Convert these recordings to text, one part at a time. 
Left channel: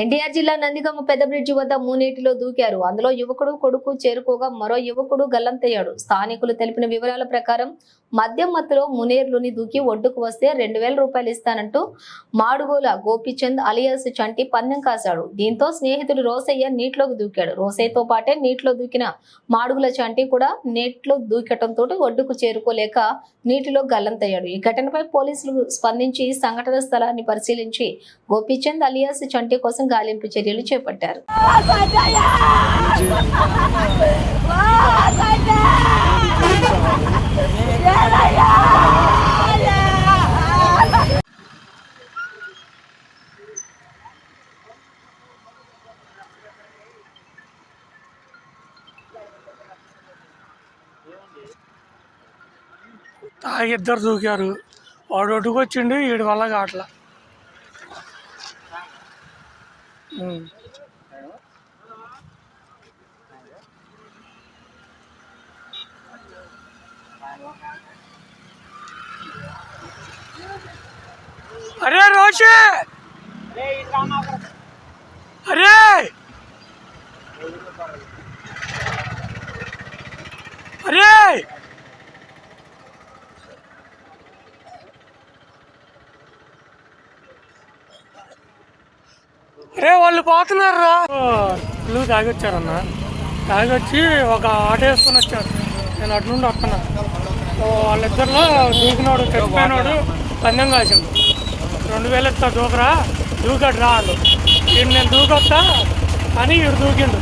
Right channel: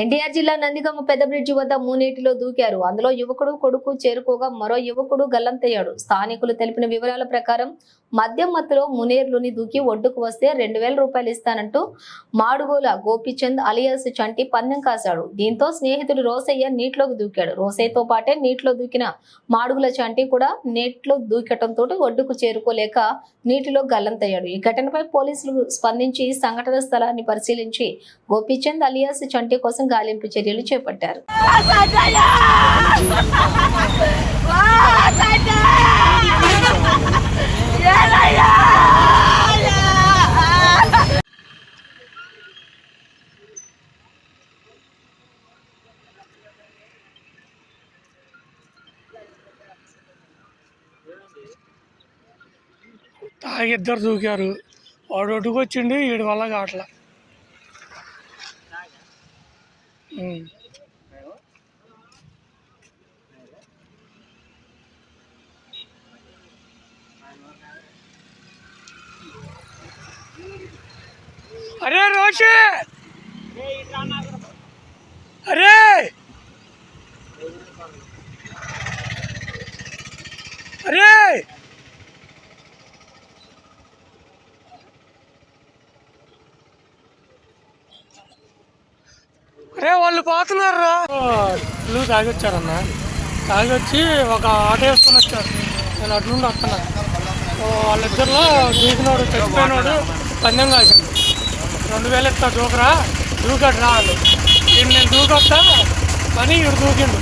ఎన్టీఆర్ జిల్లా నందిగామ పెద్ద బ్రిడ్జి వద్ద మూనేటిలో దూకారు. అందులో యువకుడు కొడుకు చేరుకోగా మరో యువకుడు గల్లంతయ్యాడు. స్థానికులు తెలిపిన వివరాల ప్రకారం మద్యం మత్తులో మునేర్లోని దూకి ఒడ్డుకు వస్తే 2000 రూపాయలు ఇస్తానంటూ మాడుగోల గోపిచంద్ అలియాస్ చంటి పందెం కాశాడు. దీంతో స్నేహితుడు రోసయ్య నీటిలోకి దూకాడు. రోసయ్యతో పాటే నీటిలో దూకిన మాడుగుల చంటి కూడా నీటిలో దూకటంతో ఒడ్డుకు చేరుకోలేక నీటిలో గల్లంతయ్యాడు. ఈ ఘటనపై పోలీసులు స్పందించి సంఘటన స్థలాన్ని పరిశీలించి గోపిచంద్ అలియాస్ చంటి కోసం గాలింపు చర్యలు చేపట్టారు. ఇద్దరు దూకారు. వాడు ఒడ్డుకు వచ్చిండు, వీడి వల్ల కావట్లా. అరే రోషే, అరే అరే అరే వాళ్ళు పోతున్నారు. ఫుల్ తాగొచ్చారన్న. తాగొచ్చి ఒక ఆటో వేసుకొని వచ్చారు. నేను అటు నుండి వస్తున్నా. వాళ్ళిద్దరిలో దూకినోడు చచ్చిపోయినోడు పందెం కాసిండు. 2000 ఇస్తా దూకరా, దూకాడు రా అండు. వీడు నేను దూకొస్తా అని వీడు దూకిండు.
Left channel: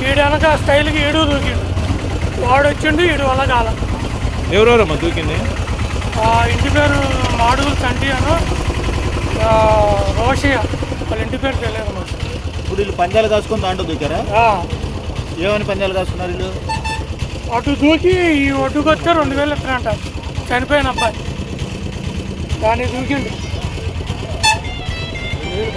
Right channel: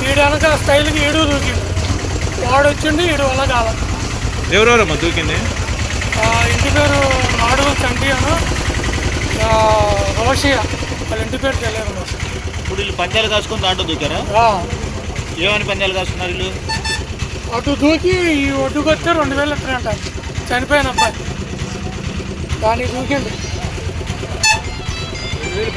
వీడు వెనక స్టైల్కి వీడు దూకిండు. వాడు వచ్చిండు, వీడు వల్ల కాల. ఎవరెవరమ్మా దూకింది? ఇంటి పేరు మాడుగుల చంటి అను రోషయ్య. వాళ్ళ ఇంటి పేరు తెలియదు మాకు. ఇప్పుడు వీళ్ళు పందాలు కాసుకొని దాంట్లో దూకారా? ఏమని పందాలు కాసుకున్నారు వీళ్ళు? అటు దూకి ఈ ఒడ్డుకొస్తే 2000 ఇస్తారంట. చనిపోయిన అబ్బాయి దానికి దూకిండు.